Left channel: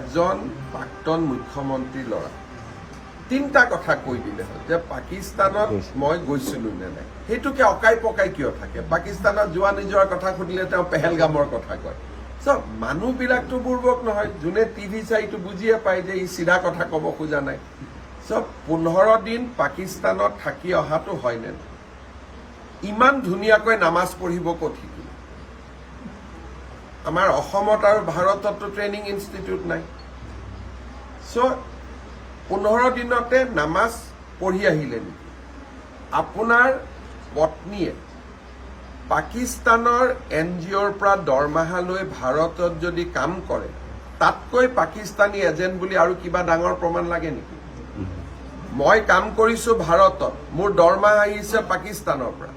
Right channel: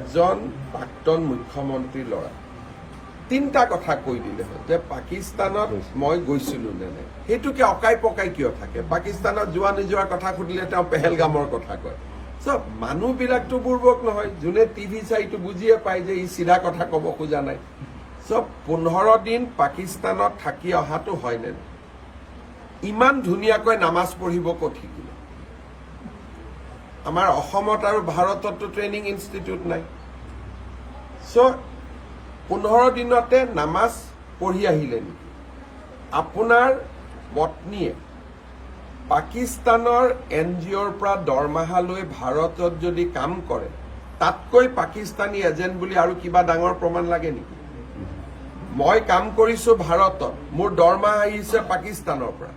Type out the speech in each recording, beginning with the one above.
এজন প্ৰাক্তন মুখ্যমন্ত্ৰীৰ ল'ৰা তিনিটা কথা কৈ দিলে হয় যে পাকিস্তানত মই গৈছিলো নে নাই সেইটোকে অকাই পকাই কিয় থাকে পাকিস্তানত যোৱা নিজৰ কথা সুধিলে তেওঁ পেহেলগামৰ কথা কয় চব মানুহবিলাকতো বুৰ্বক নহয় যোনে টিভি চাইটো বুজিয়ে পায় যে ই চিধা কথা ক'ব খোজা নাই চব 15 দিন পাকিস্তানত থাকি অহাটো হয় নে ইমান ধুনীয়াকৈ নামাজ পঢ়িব ক'ত শিকিলে আমাৰ অসমত আৰু ভাৰততো ট্ৰেইনিং ইনষ্টিটিউট নাই সো 15 দিনতে নামাজ পঢ়ি আহিলে নেকি আপোনাৰ পত্নীয়ে পাকিস্তানৰ এনজিঅ'ৰ পৰা দৰমহা লৈ ভাৰতত যদি কাম কৰে তাতকৈ পাকিস্তানী এজেণ্ট বুলি আৰু কিবা ডাঙৰ প্ৰমাণ লাগে নেকি মই কাম কৰিছো ভাৰতত মোৰ দৰমহা আহিছে পাকিস্তানৰ পৰা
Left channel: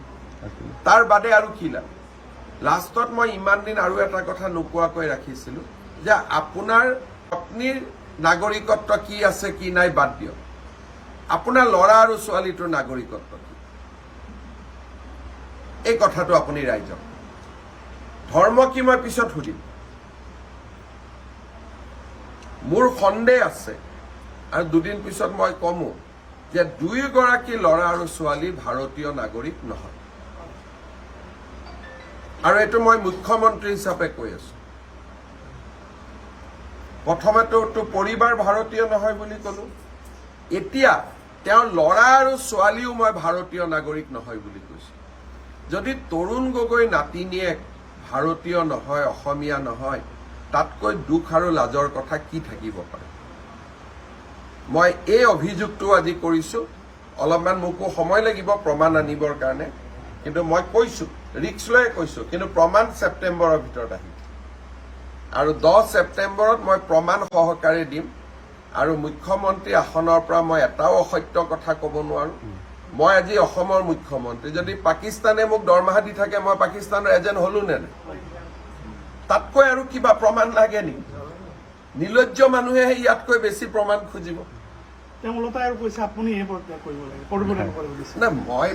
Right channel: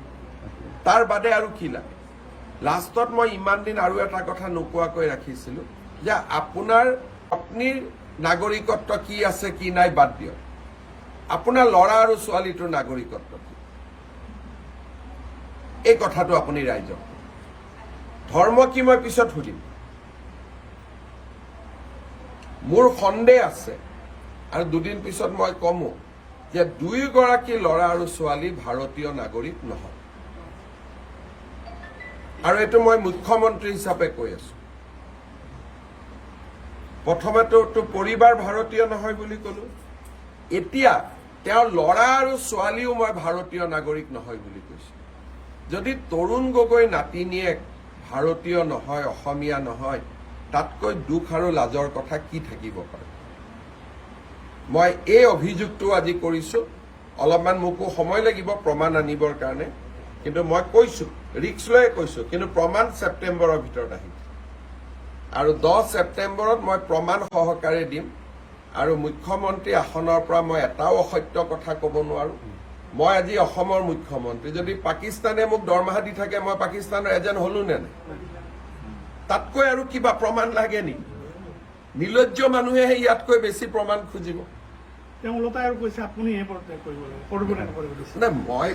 তাৰ বাদে আৰু কি লাগে লাষ্টত মই ইমান দিন আৰু এটা কথা নোকোৱাকৈ ৰাখিছিলো যে আপোনাৰ পত্নীৰ নাগৰিকত্ব কি আছে কি নাই বাদ দিয়ক আপোনাৰ ল'ৰা আৰু ছোৱালীটোৰ নাগৰিকত্ব কি এই কথাটো আপুনি ৰাইজক ধৰ্ম কি মই পিছত সুধিম মোৰ সন্দেহ আছে আৰু দুদিন পিছত মই কমো যে দুয়োগৰাকী ল'ৰা আৰু ছোৱালী ভাৰতীয় নাগৰিক নহয় আৰু এইটো মই মুখ্যমন্ত্ৰী হিচাপে কৈ আছো প্ৰথমেতো পৰিবাৰ ভাৰতীয় নহয় বুলি ক'লো এতিয়া তেওঁৰ ল'ৰা আৰু ছোৱালীও মই ভাৰতীয় নাগৰিক নহয় বুলি কৈছো যদি তৰুণ গগৈ নাতিনীয়েক ভাৰতীয় নহয় অসমীয়া নহয় তাতকৈ দুখ আৰু লাজৰ কথা কি থাকিব পাৰে মই এই অভিযোগটো আজি কৰিছো অলপমান মোকো সময় লাগিব প্ৰমাণ আনিবৰ কাৰণে কিন্তু মই কৈছো ৰিক্স লৈ কৈছো কিন্তু প্ৰমাণ ছেপ্টেম্বৰৰ ভিতৰত আহিব আৰু 10 ছেপ্টেম্বৰত মই প্ৰমাণ সহকাৰে দিম আৰু মুখ্যমন্ত্ৰী আসনৰ পৰা মই এটাও অসত্য কথা ক'ব নোৱাৰো মই আজি অসমৰ মুখ্যমন্ত্ৰী যদি পাকিস্তানে মোক দৰমহা দি থাকে মই পাকিস্তানৰ এজেণ্ট হলো নে নাই তাতকৈ আৰু কিবা প্ৰমাণ লাগে নেকি নিলজ্জ মানুহে ইয়াতকৈ বেছি প্ৰমাণ খুজিব তেওঁলোকে কৈছে আপুনি এই কৰিব লাগে না মই